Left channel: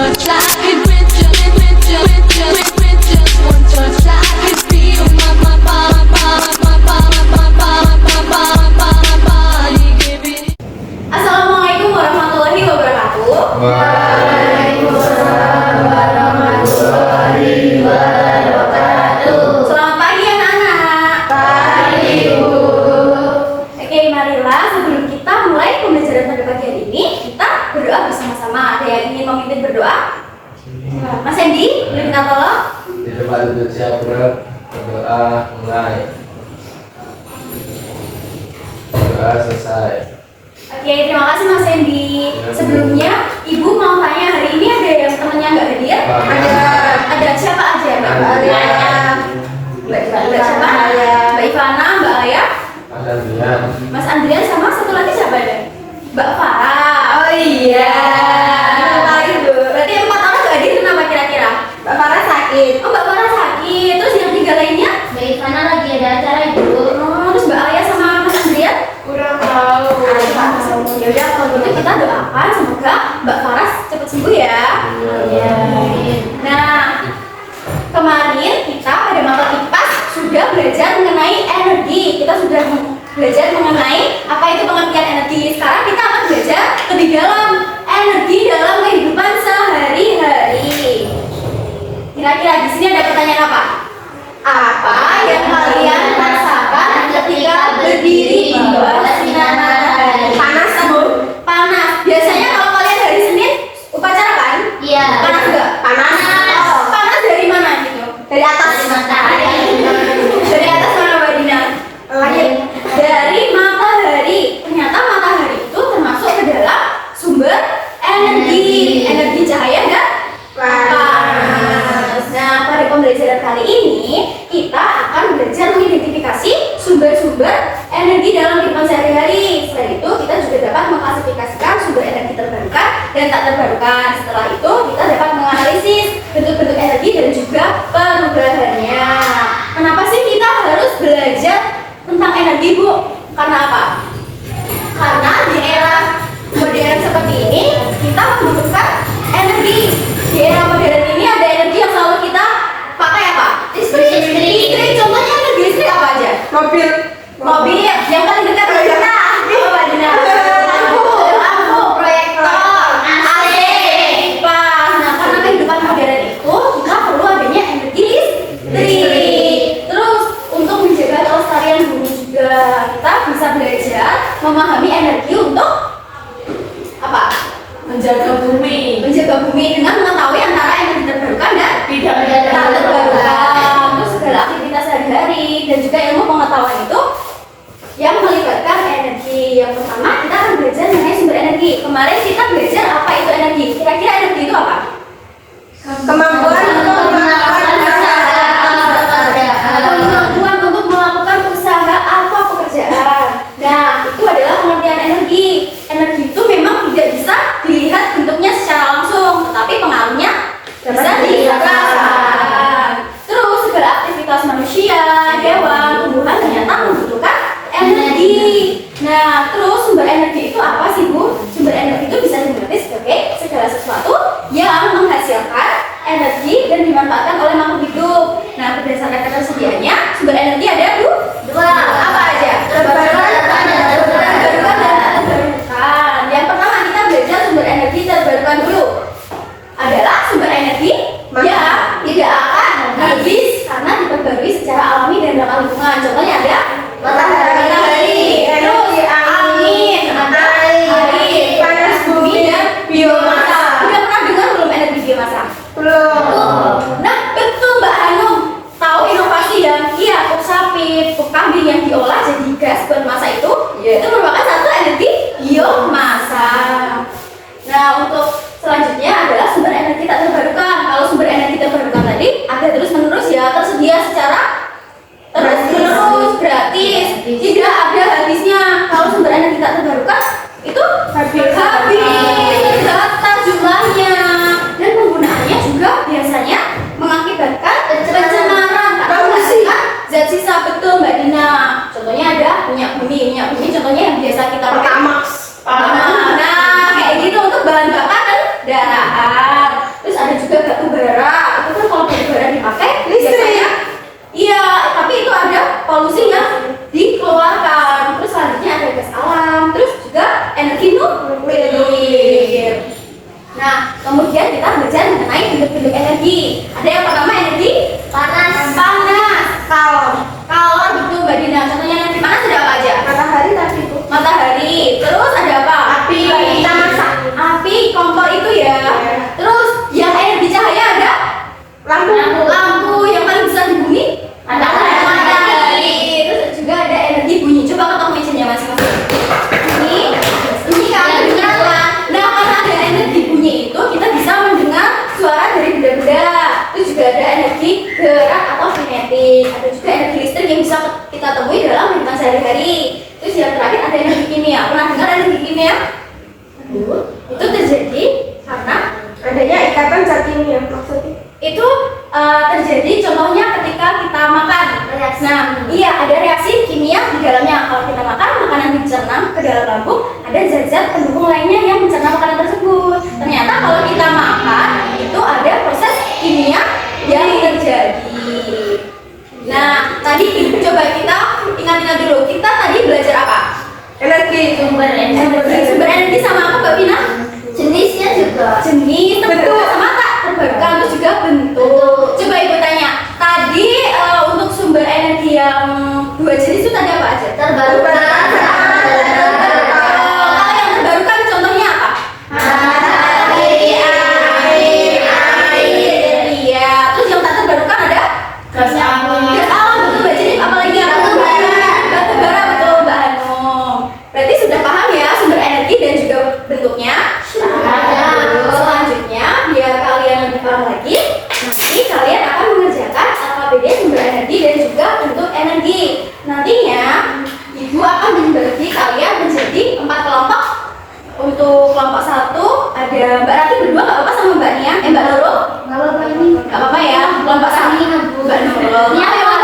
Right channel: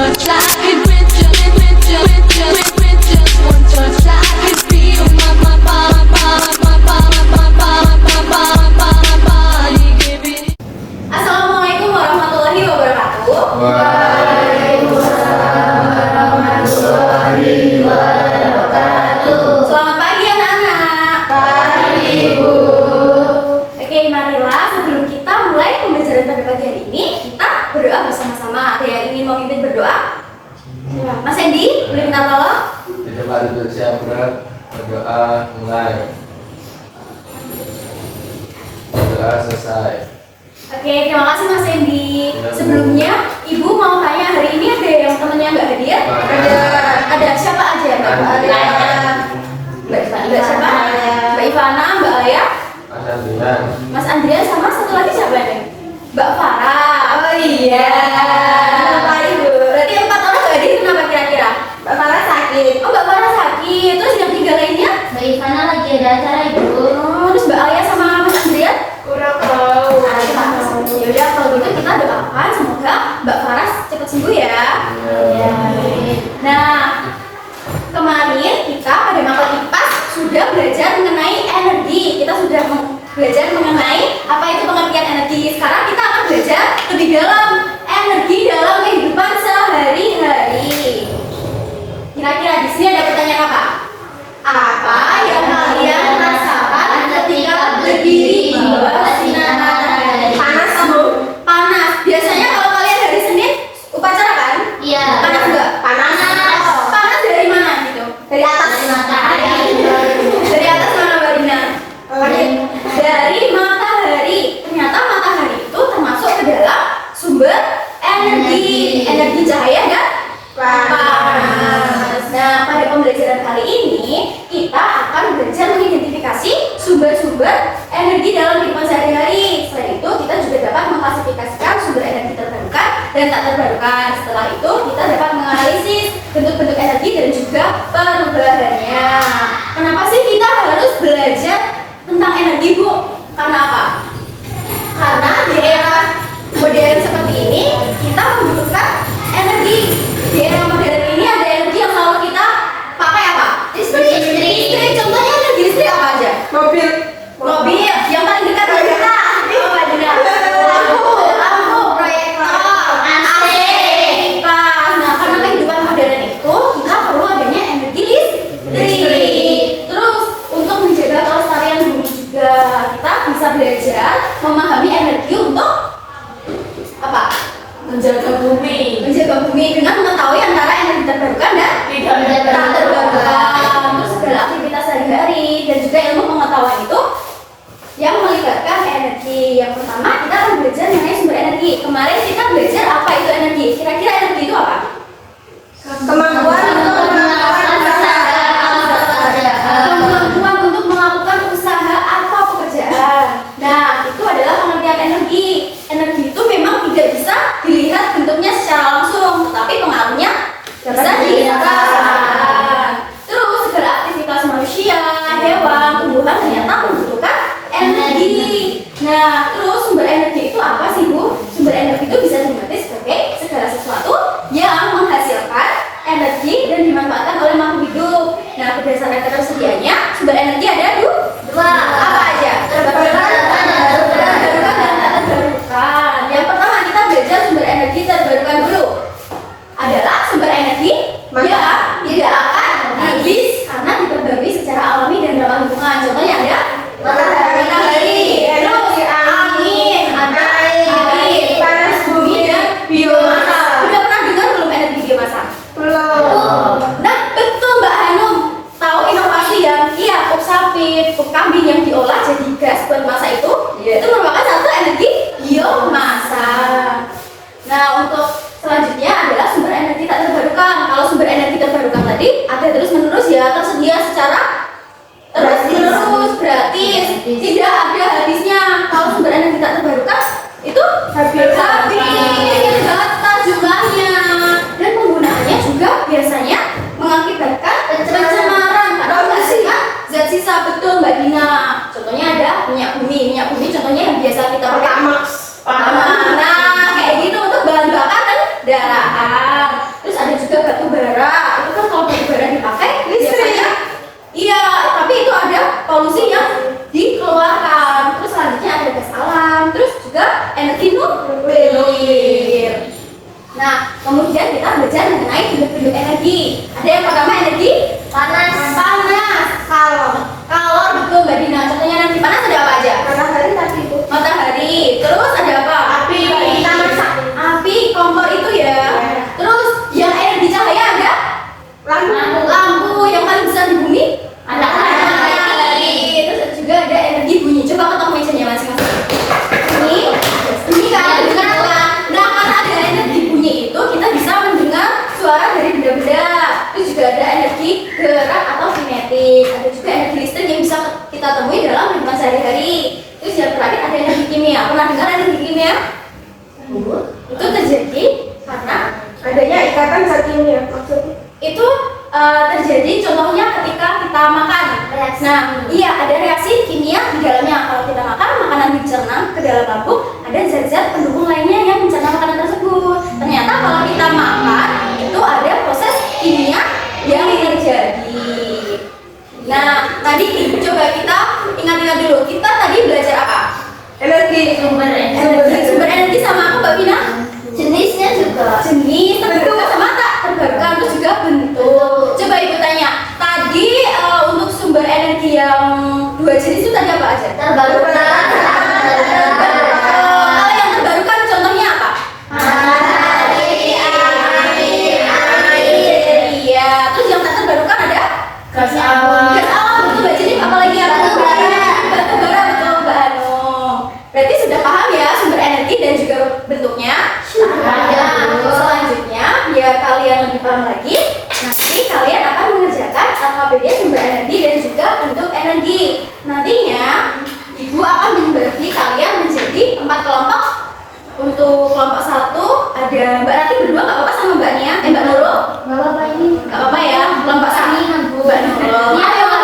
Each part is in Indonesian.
touch, I could with just one touch, I could feel my body give it. Assalamualaikum warahmatullahi wabarakatuh. Waalaikumsalam warahmatullahi wabarakatuh. Selamat pagi anak-anak. Pagi, Bu. Oke, marilah sebelum kita mulai pembelajaran pada pagi hari ini, kita berdoa bersama-sama. Ada yang ingin memimpin berdoa? Mas Hendy, boleh minta tolong? Di tempat duduk siap berdoa mulai. Berdoa selesai. Oke, terima kasih Mas Hendy. Sebelumnya, Ibu mau tanya hari ini ada yang temannya nggak hadir? Ada siapa aja? Mbak siapa? Mbak Ivana, Mbak Aya, Ada Dian. Mas Andrian, sama satu lagi siapa ada? Mbak Farah. Oh iya. Berarti 4 orang nggak hadir, kenapa kira-kira? Mbak Farah sakit. Oh, Mbak Farah sakit. Terus yang 3 lainnya? Mbak Ivana lagi ada acara, Ibu. Oh, terus Mbak Aya sama Mas Andrian? Kurang tahu. Ya udah, kalau gitu kita doakan semoga Mbak Farah cepat sembuh ya. Iya. Nah, kemarin kita pada mata IPA sudah belajar mengenai energi. Kita sudah belajar mengenai apa itu pengertian energi. Sekarang kita akan belajar lebih dalam energi dalam kehidupan sehari-hari. Kira-kira di sini ada pertanyaan apa? Apa yang kalian rasakan ketika berdiri di bawah sinar matahari? Panas, Bu. Panas. Biasanya kalau kalian hari Senin upacara kan? Iya. Panas enggak? Panas. Panas dari mana gitu? Dari atas matahari. Dari atas mana, Mbak Dina? Dari matahari. Ternyata matahari itu termasuk ke dalam sumber energi. Energi cahaya dan panas. Nah, pada pembelajaran kali ini kita akan belajar mengidentifikasi sumber-sumber energi dalam kehidupan sehari-hari. Selain itu, kita juga dapat mengklasifikasikan sumber energi terbarukan dan tak terbarukan. Setelah itu, kita dapat menganalisis bentuk-bentuk energi dan juga perubahannya. Kenapa sih kita harus belajar tentang energi, Bu? Karena apa? Karena di era modern seperti ini, kita membutuhkan energi. Di era modern ini ada energi yang selalu kita pakai apa? Listrik. Contohnya energi listrik apa aja? Mobil. Yang paling dekat dari kita. Mbak Dina. Lampu, proyektor, AC, kipas. Nah, karena kehidupan modern itu kita perlu adanya energi listrik. Terus untuk menjaga kelestarian bumi juga kita bisa belajar memahami energi untuk apa? Menjaga bumi. Menjaga bumi dengan mengetahui antara energi terbarukan dan Tidak terbarukan. Terus segala aktivitas sehari-hari dan juga ilmu pengetahuan itu yang melibatkan energi. Yang pertama kita akan belajar mengenai sumber energi. Kemarin kita belajar apa itu energi. Kira-kira energi itu apa? Kemampuan untuk melakukan Kemampuan untuk melakukan usaha atau pekerjaan. Nah, itu adalah pengertian energi. Energi itu memang tidak bisa dilihat bentuknya secara langsung, tetapi pengaruhnya bisa dirasakan. Terus segala aktivitas manusia, hewan, tumbuhan ternyata membutuhkan energi. Nah, terus sumber energi itu apa sih, Bu? Sumber energi itu bisa dimengerti sebagai segala sesuatu yang menghasilkan energi dan dimanfaatkan oleh makhluk hidup. Nah, berdasarkan ketersediaannya, sumber energi ada dua. Apa aja? Terbarukan dan terbarukan. Yang pertama kita belajar sumber energi terbarukan dulu. Adalah sumber energi yang tidak akan habis karena diperbarui secara alami dan ramah lingkungan. Contohnya ada matahari, terus angin, air, panas bumi dan biomasa. Udah pernah dengar belum energi biomasa? Belum. Nah, betul Mbak Hanum. Tahu inovasi yang pup sapi, pup kambing yang diolah jadi gas buat masa itu? Itu merupakan satu energi biomasa. Nah, untuk selanjutnya adalah sumber energi tak terbarukan. Kalau sumber energi terbarukan tadi ada terus menerus ya, tersedia secara terus menerus, gratis, tidak ada habisnya. Kalau sumber energi tak terbarukan itu habis, terbatas jumlahnya dan penggunaannya juga biasanya mengakibatkan pencemaran karena menghasilkan zat sisa. Betul Mbak Dina. Contohnya ada minyak bumi contohnya yang biasa kita pakai Amax. Nah, kayak gitu untuk bahan bakar dan kendaraan. juga batu bara. Itu kan kalau batu bara dipakai biasanya iya, tapi itu ada polusi yang dikeluarkan. Terus selanjutnya ada gas alam, terus juga energi nuklir. Nah, kemudian kita belajar mengenai bentuk-bentuk energi. Ada yang pertama energi panas, kalor betul Mbak Dina. Contohnya energi panas ada apa aja? Matahari tadi Bu. Matahari. Terus ada apa? Api. Kita masak. Api, kompor itu ya. Terus yang energi cahaya ada? Lampu yang paling besar di bumi? Matahari. Terus juga ada energi bunyi. Coba ketok mejanya masing-masing. Ini kan dengar kan? Nah, karena ada energi bunyi itu kita bisa mendengar suara dari benda-benda. Terus juga ada energi gerak atau kinetik. Ada juga energi listrik yang bisa kita temui dalam kehidupan sehari-hari. Terus yang terakhir ada energi kimia. Pernah dengar energi kimia? Itu terjadi karena Adanya ikatan zat kimia maksudnya. itu terjadi contohnya ketika kita makan. Nah, iya ada reaksi kimia di dalamnya. Kalau kita makan makanan dicerna ke dalam lambung, ada zat-zat pendukung lainnya yang mencerna makanan tersebut. Ternyata kalau kita makan itu ada proses kimia yang terjadi. Nah, tadi coba kita ingat-ingat dulu. Kita tadi belajar apa? Sumber Sumber energi sama apa Mbak Vina? Jenisnya juga. Jenis, terbarukan sama tak terbarukan, terus juga bentuk. Coba ibu tanya, tadi untuk sumber energi yang dua jenis itu tadi apa aja? Terbarukan. Kalau yang terbarukan contohnya apa? Iya. Terus yang tak terbarukan ada? Gas alam. Gas alam, betul Mbak Jenny. Apalagi yang batu bara, betul Mbak Hanum. Berarti sudah paham ya sumber energi dan juga bentuknya? Selanjutnya, biar kalian lebih paham lagi, nanti kalian akan mengerjakan AKBD sumber energi dan juga bentuk energi. Nantinya, ibu akan membagi kalian menjadi 4 kelompok. Untuk kelompok 1 ada Mbak Rati berdua, nggak apa-apa sama Mbak Nia, Mbak Nurul? Nggak apa-apa ya. Kelompok 1 Mbak Nurul. Mbak Nurul.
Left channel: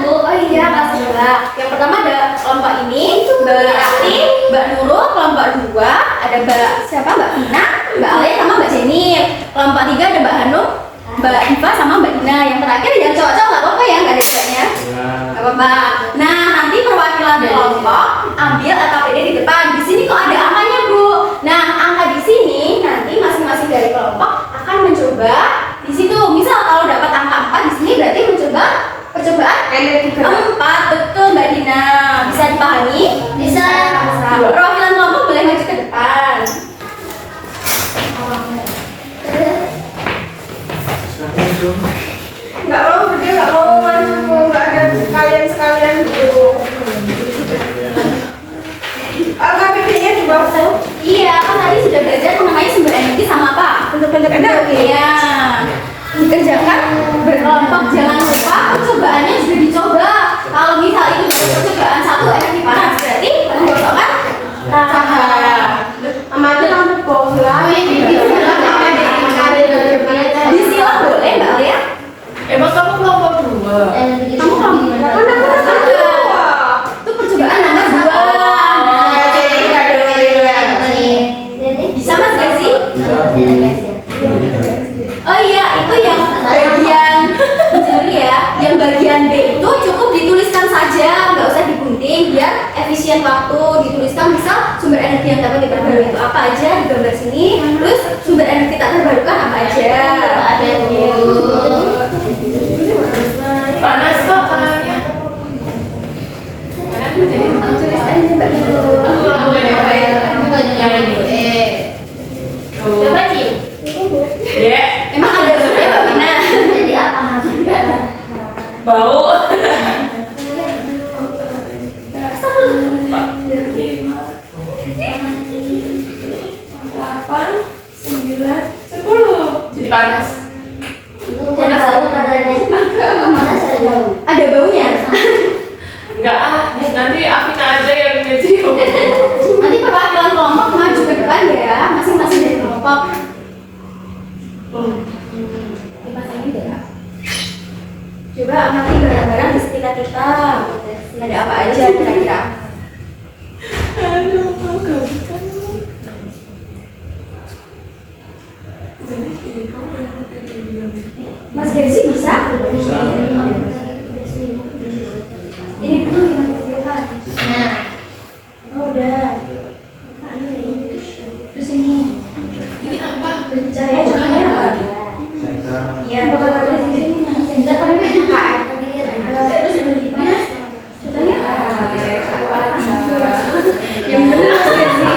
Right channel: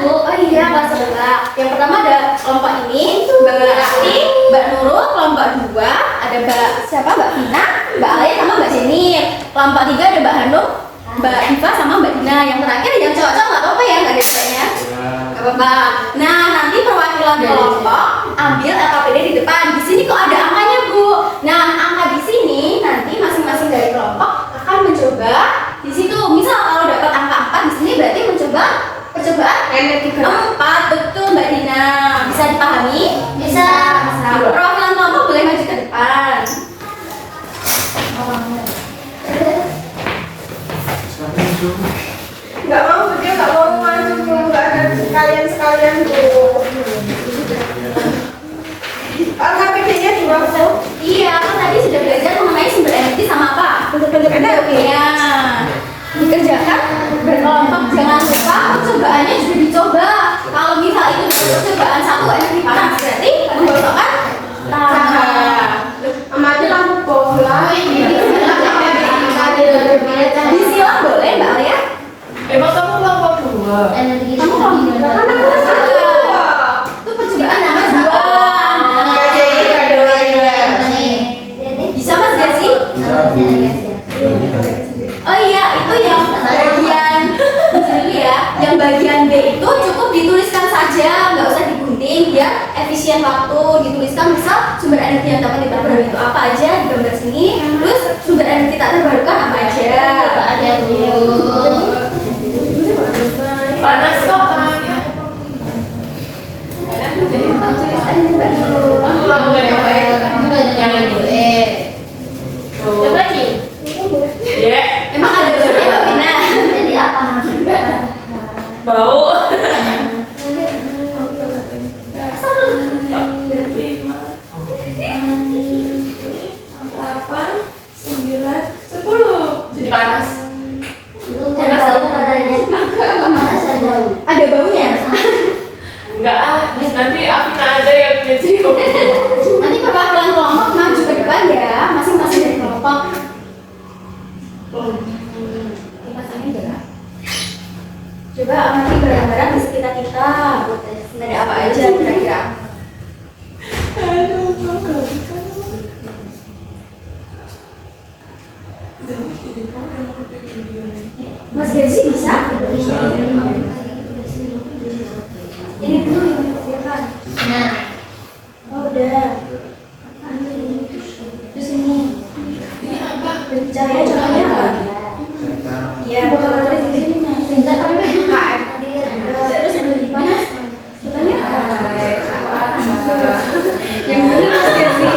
Oh iya, kelas sebelah. Yang pertama ada kelompok ini, Mbak Rati, Mbak Nurul. Kelompok 2 ada Mbak siapa? Mbak Vina, Mbak Ale sama Mbak Jenny. Kelompok 3 ada Mbak Hanum, Mbak Iva sama Mbak Dina. Yang terakhir yang cowok-cowok nggak apa-apa ya, nggak ada ceweknya. Nggak apa-apa. Nah, nanti perwakilan kelompok ambil AKPD di depan. Di sini kok ada angkanya, Bu? Nah, angka di sini nanti masing-masing dari kelompok akan mencoba di situ. Misal kalau dapat angka 4 di sini berarti mencoba percobaan Energi 4, betul Mbak Dina. Bisa dipahami? Bisa. Perwakilan kelompok boleh maju ke depan. Nggak mau, dia nggak mau masuk, nggak ada sekalian dulu. KPD-nya di bawah tuh. Iya, kan tadi sudah belajar mengenai sumber energi sama apa? Bentuk-bentuk energi. Iya. Dikerjakan berkelompok, jangan lupa percobaannya juga dicoba. Kalau misal itu percobaan 1 energi panas, berarti menggosokkan tangan. Amati lampu bola. Disilang boleh Mbak Alia? Emang kamu kelompok 2? Kamu kelompok mana? Itu percobaan nomor 2. Bisa Mas Gazi? Oh iya, itu yang bagian jadi ya, yang bagian B itu cukup dituliskan saja, nggak usah digunting biar efisien waktu. Dituliskan misal sumber energi yang dapat diperbarui itu apa aja di gambar sini, terus sumber energi tak terbarukan apa aja. Ada Panas kok tangannya. Ya. Emang ada baunya Mbak Vina? Jadi apa? Bau. 10. Jadi panas. Ada baunya? Enggak nanti Afina aja yang ngecium. Nanti perwakilan kelompok maju ke depan ya, masing-masing dari kelompok. Coba amati barang-barang di sekitar kita. Ada apa aja kira-kira? Mas Gazi bisa? Bisa. Ini dulu yang kan. Nah. Oh, udah. Terus ini. Ini apa? Caranya contohnya apa? Iya, bukan ada di sini. Sehingga kami buka. Terus di mana? Contohnya apa? Yang benar Mas Gazi.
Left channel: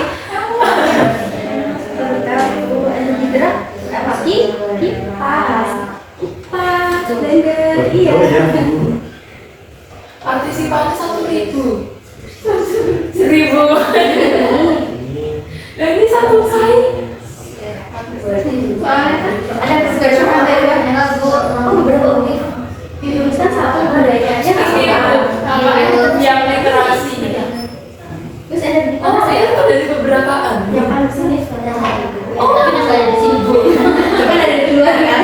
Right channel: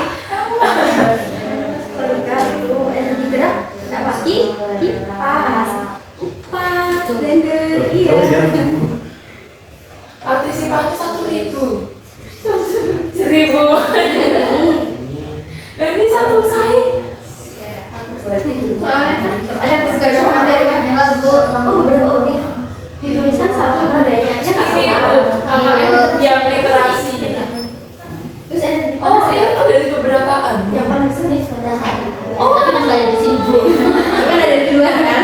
Energi gerak. Apa? Kipas. Blender, iya. Partisipasi 1.000. 1.000. Ini satu saya. Ada beberapa materi yang dituliskan satu budayanya Yang literasi. terus ada di Oh, saya tahu dari beberapa kan. yang paling sulit Oh, kan ada di sini. kan ada di luar kan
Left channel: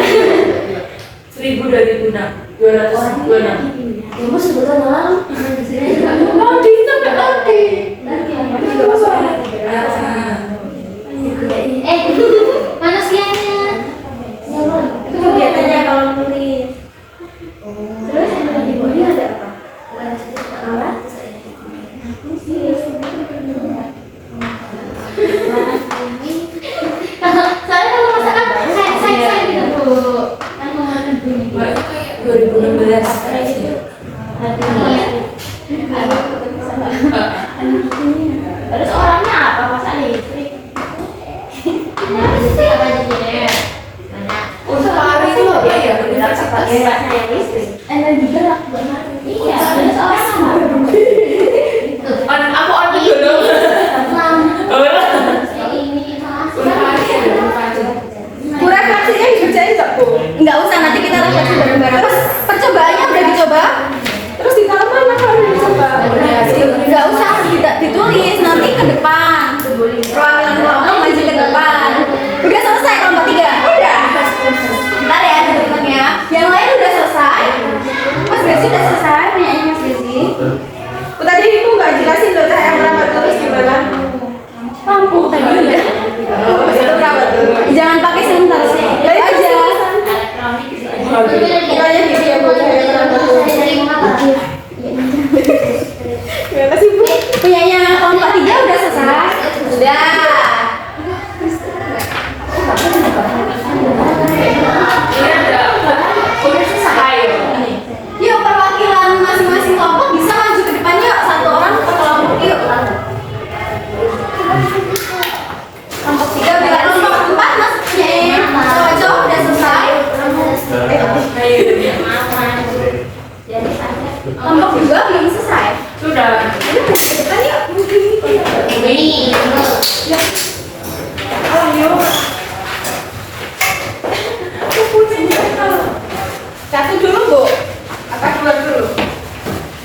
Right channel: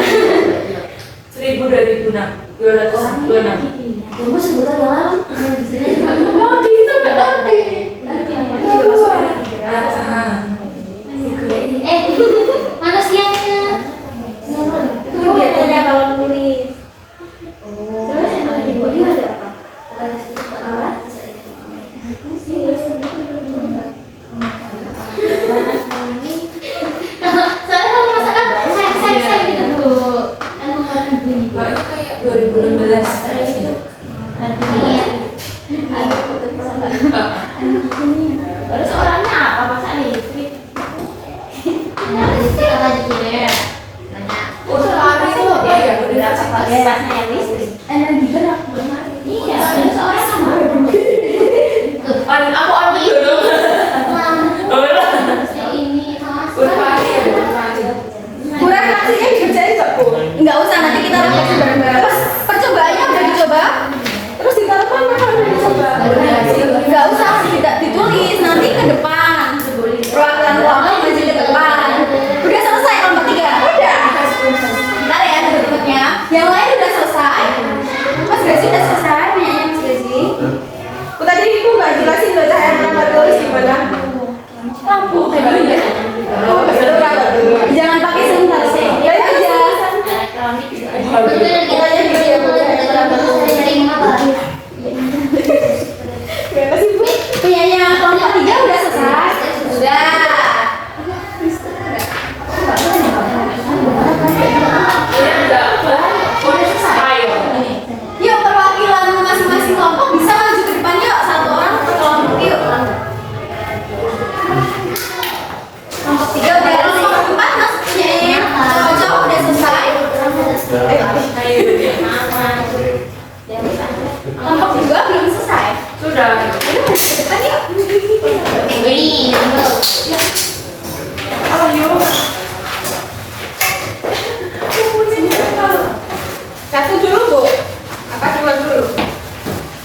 1.000 dari Buna. 226. ibu sebutan malam di sini Mau di kita nggak nanti. manusianya itu kegiatannya kalau nulis terus yang ada di body ada apa? Soalnya kalau misalkan saya gitu kan menggunakan bunyi Kayak 2016. terus orangnya apa Mas listrik? Nah, listrik apa aja deh? Untuk hari itu apa ya? Pakai listrik. Energi gerak. Iya, terus orangnya apa? Aku ambil dulu. Ini Untuk hari ada hari. Kurang hasilnya dikerjain nggak, Bu? Enggak usah, nanti kita refleksi bareng-bareng. Pas percobaannya udah dicoba. Terus di mana kalau dicoba? Enggak usah, tidak ditulis, nanti ke depan. Perwakilan kelompok maju ke depan. Udah selesai kelompok 3? Udah. Bentar ya, bentuknya. Yang lain udah selesai. Mas Gazi udah selesai, penyanyi Mas Gazi. Tadi itu nggak jelasin tuh saya melamar tulis gimana? Lampu tadi udah. Jangan pakai sebentar sih. Itu aja. Pokoknya di sini Bu. Gimana sih Bu? Punyanya kelompok 3 udah selesai. Udah. Yuk perwakilan masing-masing kelompok bisa maju ke depan yuk. Satu orang per kelompok yuk. Kelompok 3 udah, kelompok 4 mas punyanya cowok udah selesai. Kelompok 2 belum selesai. Sudah. Udah maju ke depan yuk. Satu dulu Bu. Apa dua dulu?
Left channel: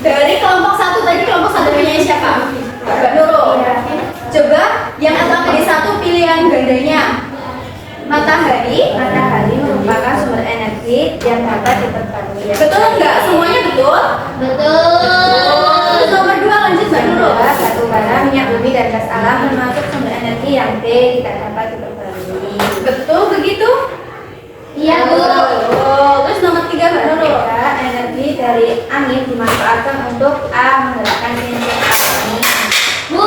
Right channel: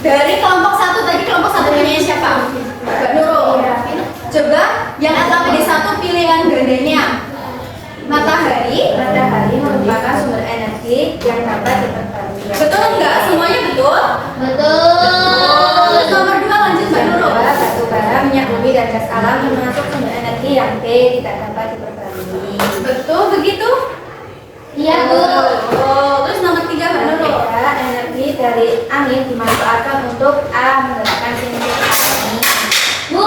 Dari kelompok 1 tadi, kelompok 1 punyanya siapa? Mbak Nurul. Coba yang LKPD 1 pilihan gandanya. Matahari merupakan sumber energi yang dapat diperbarui. Betul enggak? Semuanya betul? Betul. Terus nomor 2 lanjut Mbak Nurul. Batu bara, minyak bumi dan gas alam termasuk sumber energi yang tidak dapat diperbarui. Betul begitu? Iya Bu. Terus nomor 3 Mbak Nurul. Energi dari angin dimanfaatkan untuk menggerakkan cincin api. Bu,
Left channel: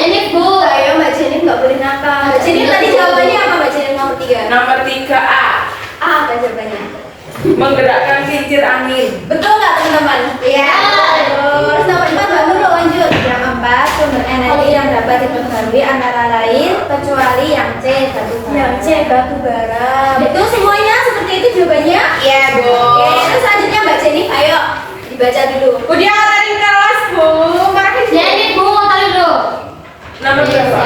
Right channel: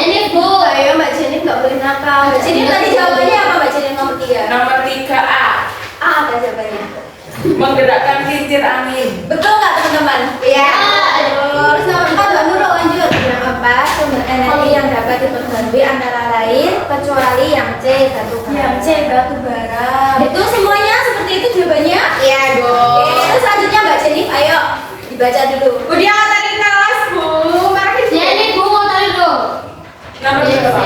ini Bu. Ayo Mbak Jenny nggak boleh nakal. Mbak Jenny tadi jawabannya apa Mbak Jenny nomor 3? Nomor 3A. Apa jawabannya? Menggerakkan kincir angin. Betul nggak teman-teman? Iya. Terus nomor 4 Mbak Nurul lanjut. Yang 4 sumber energi yang dapat diperbarui antara lain kecuali yang C batu bara. Yang C batu bara. Betul semuanya seperti itu jawabannya? Iya Bu. Oke, terus selanjutnya Mbak Jenny, ayo dibaca dulu. Udah tadi kelas Bu. Makasih. Nomor berapa?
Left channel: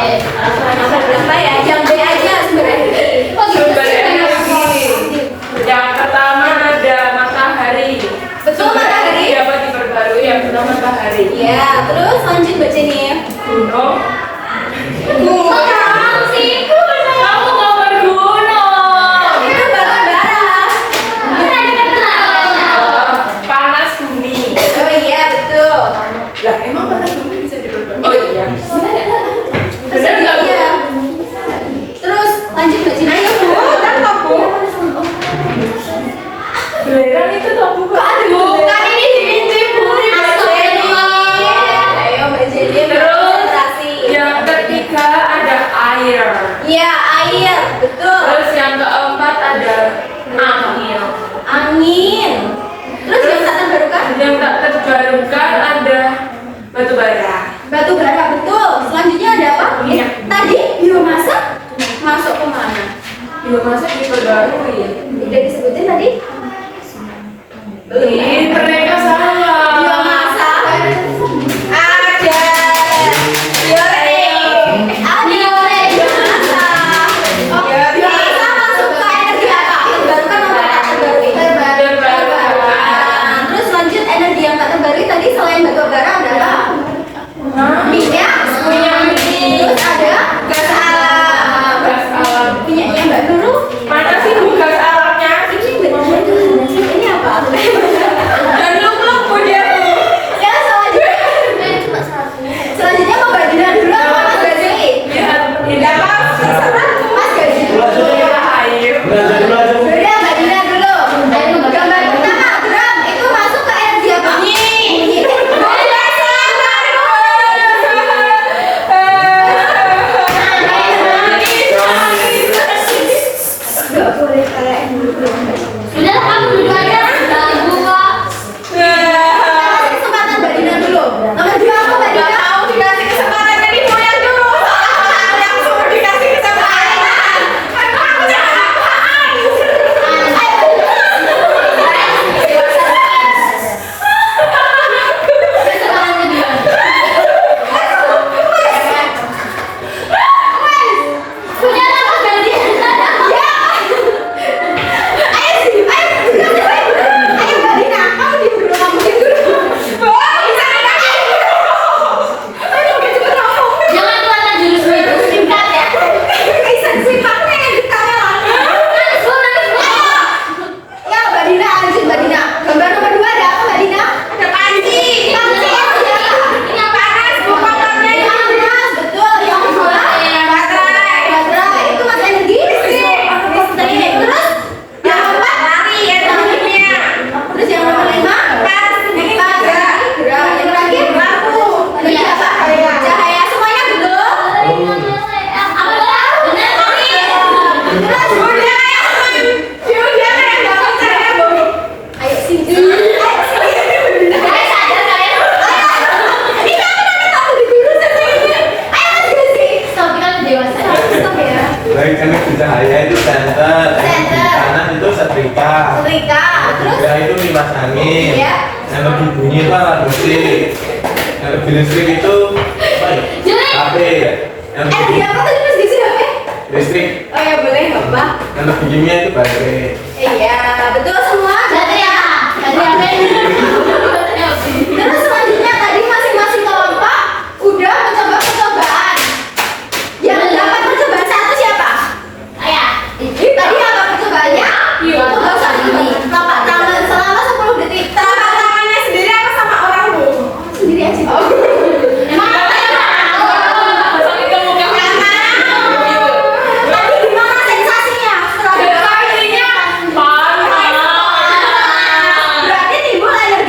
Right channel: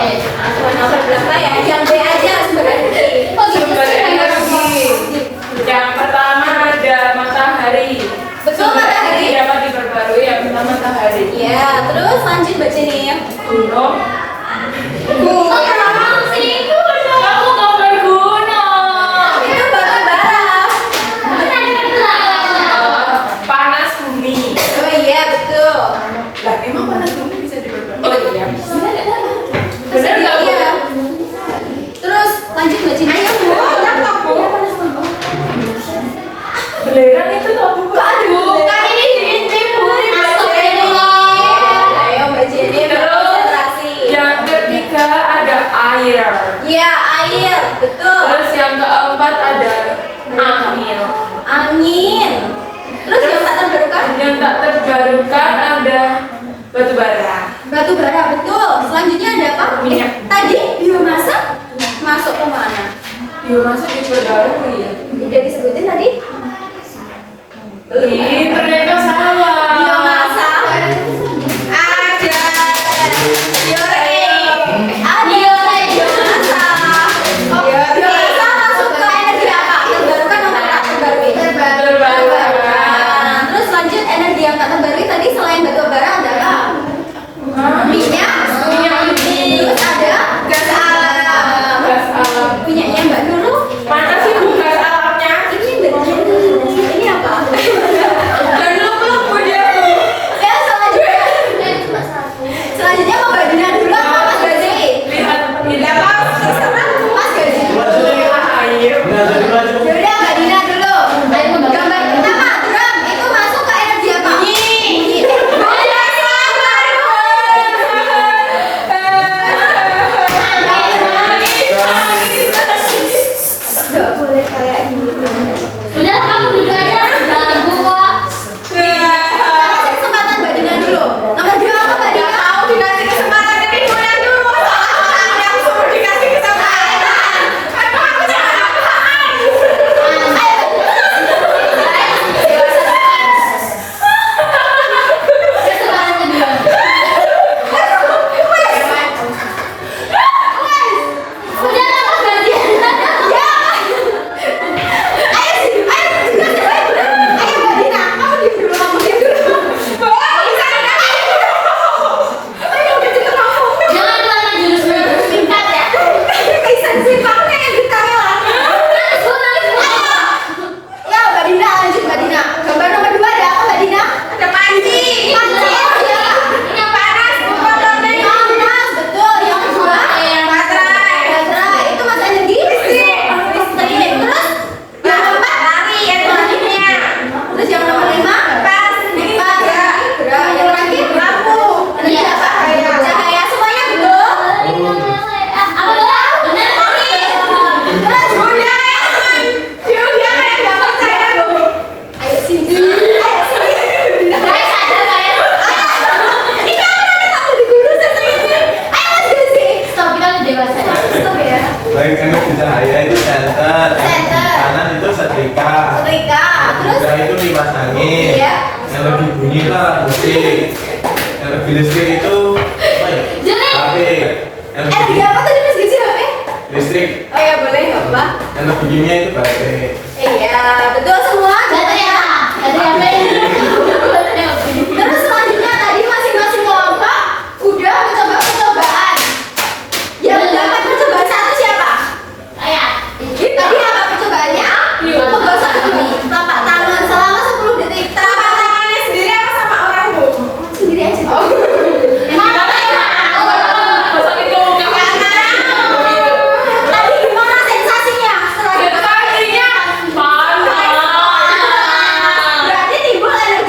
Nomor berapa ya? Yang B aja sumber energi. Oh, gitu. Sumber energi. Yang pertama ada matahari. Betul matahari. Dapat diperbarui yang pertama matahari. Iya, terus lanjut baca nih. Gunung. Gunung sih, gunung. Aku mau bergunung. Itu batu bara. Panas bumi. Oh iya, betul. Lah emang panas bumi bisa diperbarui? Oh iya. Benar nggak? Iya. Terus lanjut baca nih. Ayo, Bu. Iya, air. Betul. Terus yang keempat ada angin. Angin. Terus yang tak terbarukan? Yang tak terbarukan ada batu bara. Batu bara, betul. Selanjutnya ada apa? Minyak. Tadi biomasa masuk ke mana? Biomasa di baru ya. Udah disebutin tadi? Ih, ternyata salah. Biomasa Ada. biomasa. Oh, biomasa masuk ke energi apa? Terbarukan atau tak terbarukan? Terbarukan. Terus lanjut energi yang tak terbarukan tadi selain batu bara adalah minyak. Terus ada gas alam. Gas alam. Minyaknya Mbak Nurul. Mana sih bukan alamnya? Ini benar. Ini apa? Dan belum punya tuh. Ya selanjutnya mau Mbak Dina dulu apa Mas Gaji? Mas Gaji. Air. Udah Mbak Dina dulu. Gambar pertama drum itu masuk ke energi apa? Gak boleh kayak gitu. Udah kamu duduk aja, jangan terbuka. Kasih kesempatan Mbak Dina dulu. Nomor 2 apa Mbak Dina? Mau dikasih kesempatan jadi yang dulu. Yang suruh dikasih kesempatan. Aduh, aku jangan apaan. Udah Mas Gaji. Ayo Mbak Dina, kamu diem dulu, kamu diem dulu. Jangan kelihatan jurus itu singkat ya. Ya Mbak Dina, lanjut Mbak Dina. Gambar nomor 2 ada apa Mbak Dina? Ada panci. Panci ya. Yang panas, bukan Panas, betul. Yang kedua baterai. baterai. Itu mas energi? Listrik. Terus yang keempat Lari energinya. terus yang nomor 5 Pas ini pas gerak. gerak. Yang terakhir Lampu. energi apa? Cahaya. Semuanya belum. Terus Udah kayak dapat saya bu. ayo sini. Ayo sini. Ini aku di guru sini. Ayo mas sini. Stop ya. Baik, karena cahaya itu center. Center. Kanan itu setrika. Setrika. Terus Setrika itu kipas angin. Iya. Yang lebih bunyi itu alat musik. Yang lebih listrik itu apa ya? HP. Yang lebih energi apa tadi mas Gizi HP? listrik. Oh ya boleh nggak apa? Yang lebih bunyinya itu baterai. Iya betul semua. Terus selanjutnya tadi masing-masing kelompok udah mencoba percobaan. Yang mendapat percobaan 1 siapa? Tadi apa percobaannya? Pegang telapak tangan selama 10 detik. Telapak tangannya sendiri apa sama orang bu? Sendiri aja. Masa itu bukan Tadi gimana sensasinya? Setelah Sensasinya panas. berarti timbul energi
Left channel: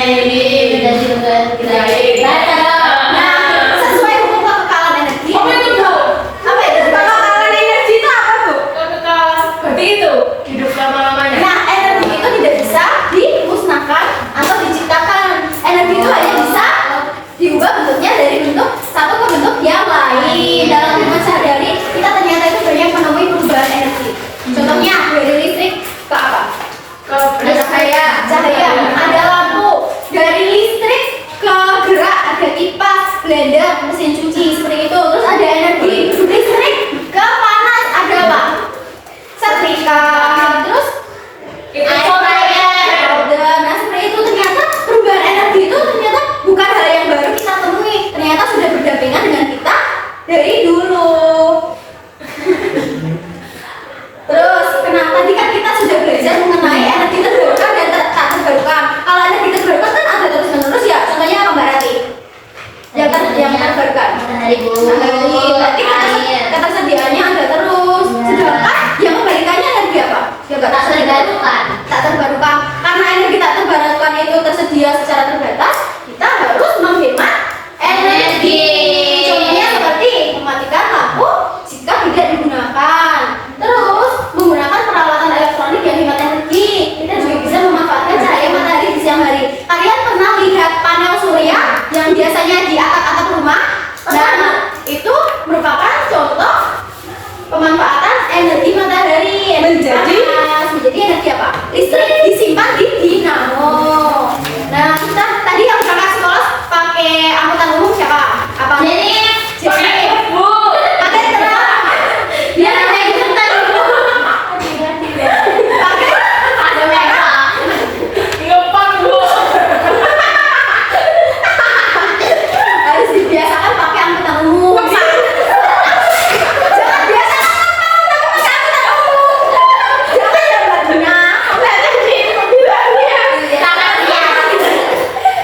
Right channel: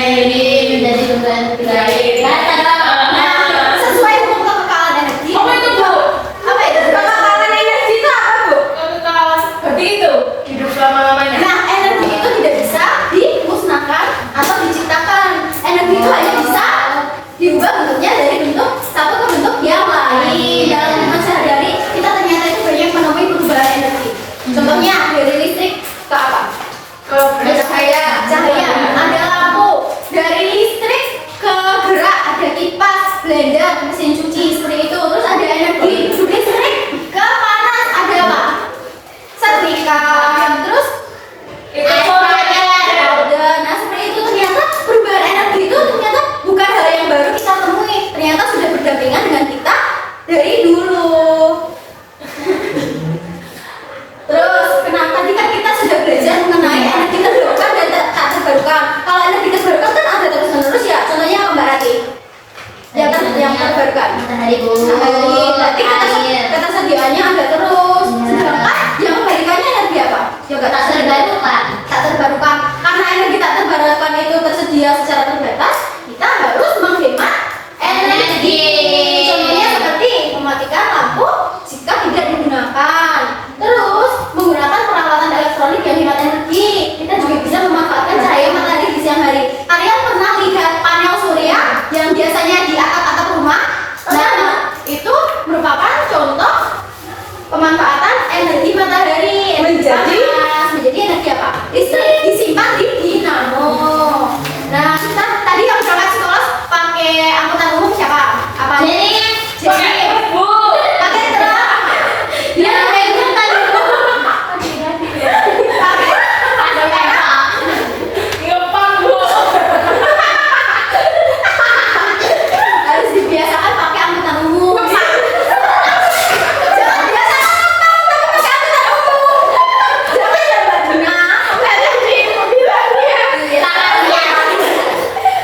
ini menjadi tunggal baik. Nah, sesuai hukum kekekalan energi. Apa itu, Bu? Apa itu? Kekekalan energi itu apa, Bu? Kekal seperti itu hidup selama-lamanya. Nah, energi itu tidak bisa dimusnahkan atau diciptakan. Energi itu hanya bisa diubah bentuknya dari bentuk satu ke bentuk yang lain. Dalam kehidupan sehari-hari, kita ternyata itu banyak menemui perubahan energi. Contohnya dari listrik ke apa? Ada cahaya, ada lampu. Dari listrik ke gerak, ada kipas, blender, mesin cuci seperti itu. Terus ada energi listrik ke panas, ada apa? Setrika. Terus Itu powder. Nah, seperti itu ternyata perubahan energi itu ternyata bukan hal yang baru kita temui. Ternyata sudah berdampingan dengan kita dari dulu. Terus, kenapa tadi kan kita sudah belajar mengenai energi terbarukan dan tak terbarukan. Kalau energi terbarukan kan ada terus menerus ya. Contohnya apa Mbak Rati? Yang terbarukan. Matahari, Bu. Berarti ketersediaannya ada terus. Sedangkan yang kebalikannya energi apa? Ya nggak Tak terbarukan. tak terbarukan. Karena energi tak terbarukan itu tersedia secara terbatas, kita harus menghemat energi. Contohnya seperti mematikan lampu jika tidak digunakan. Terus menggunakan peralatan elektronik yang hemat energi. Kita juga bisa memanfaatkan cahaya matahari di siang hari. Kalian pernah lihat panel surya yang biasanya di atap-atap rumah? Nah, itu merupakan contoh pemanfaatan energi matahari. Menjadi energi apa? Listrik disimpan di dinamo. Nah, kita tadi yang berangkat sekolah pakai angkutan umum siapa? Apa? Jadi, Bu. pakai berapa? Dia pakai angkutan umum. Pakai Ada merah. Ngepang, Bu. harus dibiasakan pakai angkutan umum. Jangan biasakan pakai angkutan umum. Jangan ya Mbak Dina.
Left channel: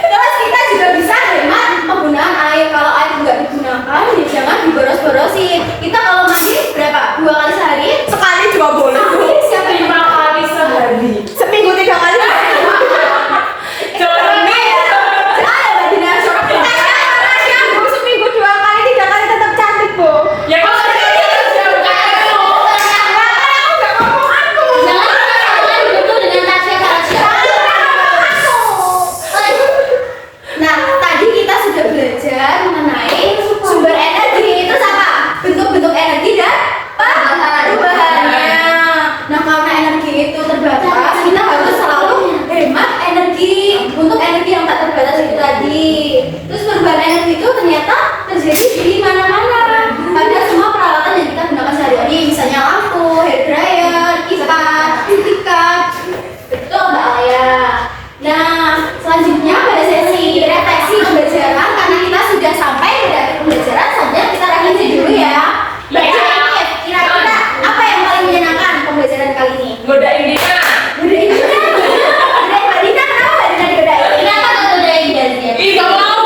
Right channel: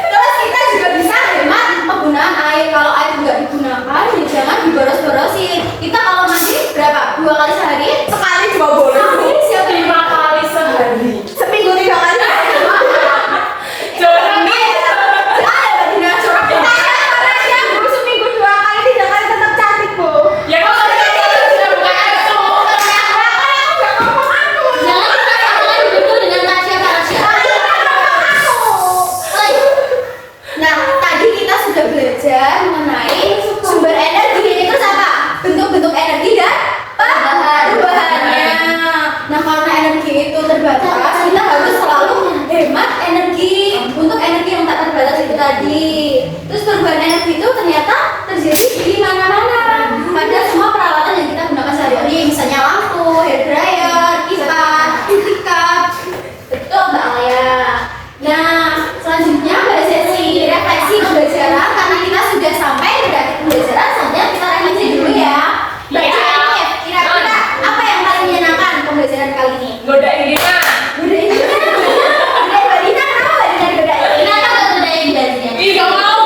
Terus kita juga bisa hemat penggunaan air. Kalau air nggak digunakan, ya jangan diboros-borosin. Kita kalau mandi berapa? 2 kali sehari? Sekali cuma boleh. Ini siapa yang 5 kali sehari. Seminggu 3 kali. Jorok nih. Jangan ya Mbak Dina, corak kita. Rasanya Bu seminggu 2 kali 3 kali tetap cantik, Bu. Ya kalau seperti itu sudah bukan aku. Jangan kita katakan begitu dengan Tasya. Nah, tadi kita sudah belajar mengenai sumber energi. Terus apa? Bentuk-bentuk energi dan perubahannya. Nah, karena energi itu terbatas, kita harus selalu hemat energi untuk energi yang tak terbatas itu tadi. Terus perubahan energi itu ternyata terjadi di mana-mana. Pada semua peralatan yang kita gunakan sehari-hari, misalnya lampu, hair dryer, kipas, setrika. Betul Mbak Alaya. Nah, selanjutnya pada sesi refleksi pembelajaran, karena kita sudah sampai pada akhir pembelajaran saja, kita refleksi dulu ya. Mbak Ya. Jenif, kira-kira apa yang paling menyenangkan pembelajaran kali ini? Godain Dina. Godain Dina. Godain Mbak Dina, kenapa Mbak Dina digodain? Kenapa kau godain gajinya? Ih, gak mau.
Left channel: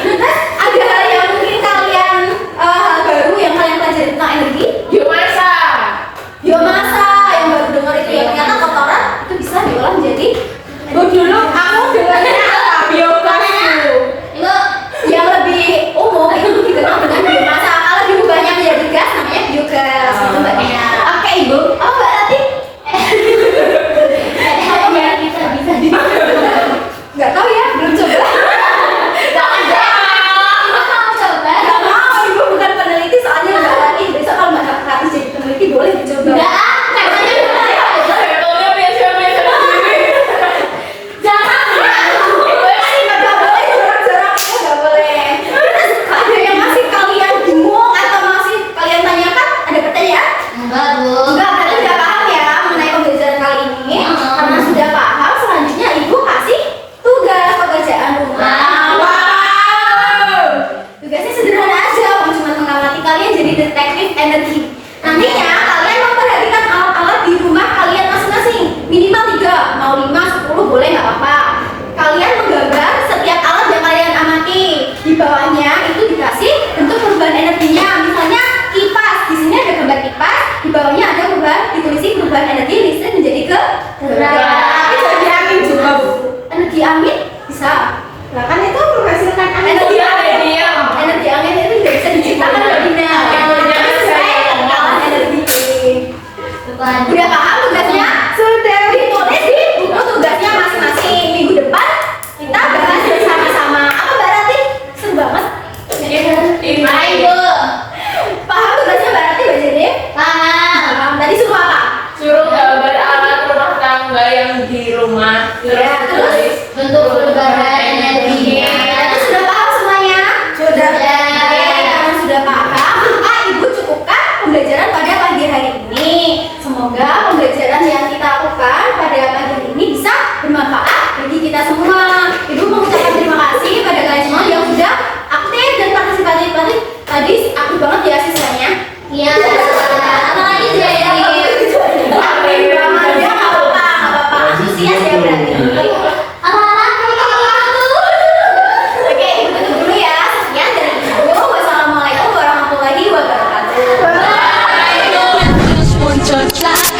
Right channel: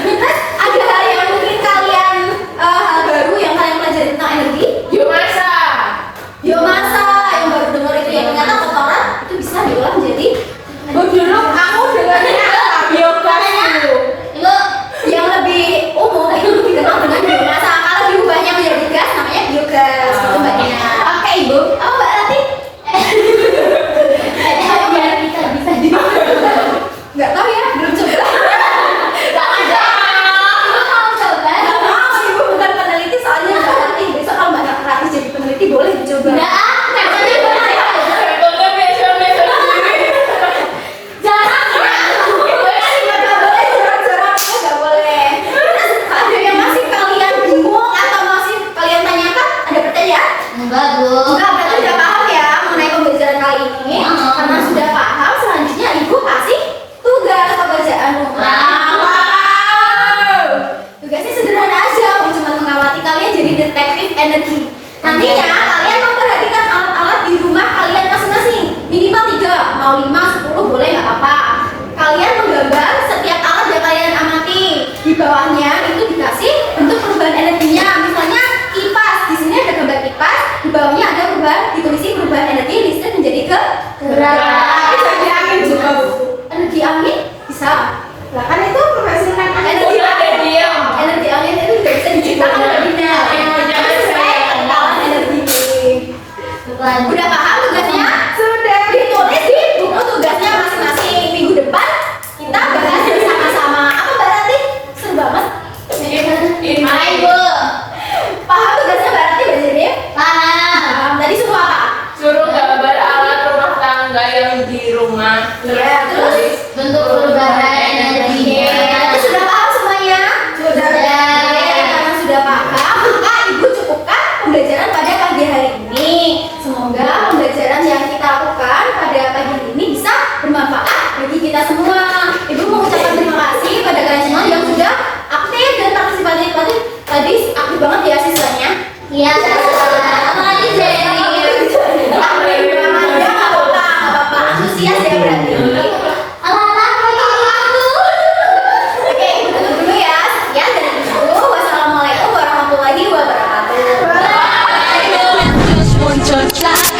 Terus ada hal yang mungkin kalian hal baru yang kalian pelajari tentang energi? Biomasa. Biomasa yang baru dengar itu ya, ternyata kotoran itu bisa diolah menjadi Dulu kamu bilangnya apa? Biogas dulu. Itu yang lebih umum itu dikenal dengan biomasa. Kalau diubahnya menjadi gas namanya biogas. Itu Mbak Dina. Oke Ibu. Oh Mbak Rati? ada biar kita bisa di. Nggak tahu ya, belum coba. Mau coba? Nggak mau, Ibu bukan peneliti soalnya Mbak Rati. Besok kalau Mbak Rati jadi peneliti boleh dicoba. Enggak, katanya boleh. Contohnya biasa-biasa sendiri. Jangan. Nggak boleh jorok-joroknya nggak boleh. Terus ada yang masih kalian bingung atau masih kalian tanyakan? Ada pertanyaan? Enggak, Bu. Enggak, berarti sudah paham ya mengenai pembelajaran kali ini. Karena sudah paham, selanjutnya Ibu kasih tugas pekerjaan rumah. Wow. Tugasnya sederhana aja, cuma mengamati kalian jadi detektif energi. Nantinya kalian memperhatikan alat-alat di rumah kalian masing-masing. Minimal 3, mau 5, 10 boleh nggak apa-apa. Kalian menggambar setiap alat yang kalian amati. Di bawahnya itu dikasih bentuk perubahan energinya. Misalnya kipas, di sini ada gambar kipas. Di bawahnya ada ditulis perubahan energi listrik menjadi ke gerak. Jadi angin juga, Bu. Bukan. Udah paham tugasnya? Sudah. Ditulis di buku tugasnya masing-masing. Minggu depan kita bahas bersama-sama. Apa Mbak Ranti? Seru banget. Ayo. Paham tugasnya Mbak Ranti, Mbak Jenip? Paham. Tadi suruh apa? Suruh gambar alat rumah tangga yang di rumah. Iya, terus? Bentuk perubahan energi. Nanti sudah paham semuanya? Sudah. Karena sudah paham, maka Ibu cukupkan pembelajaran pada pagi hari ini. Semoga pembelajaran yang kita lakukan pada pagi hari ini bisa bermanfaat bagi kita semua. Ibu mengucapkan terima kasih pada kalian semua yang sudah aktif dan partisipatif tadi aktif banget ya siswanya. Iya. Apalagi jadi. Aktif banget ya, nggak apa-apa, antusias ya berarti. Oke, Ibu tutup dulu ya. Sekian dari Ibu. Wassalamualaikum warahmatullahi wabarakatuh. Just one touch like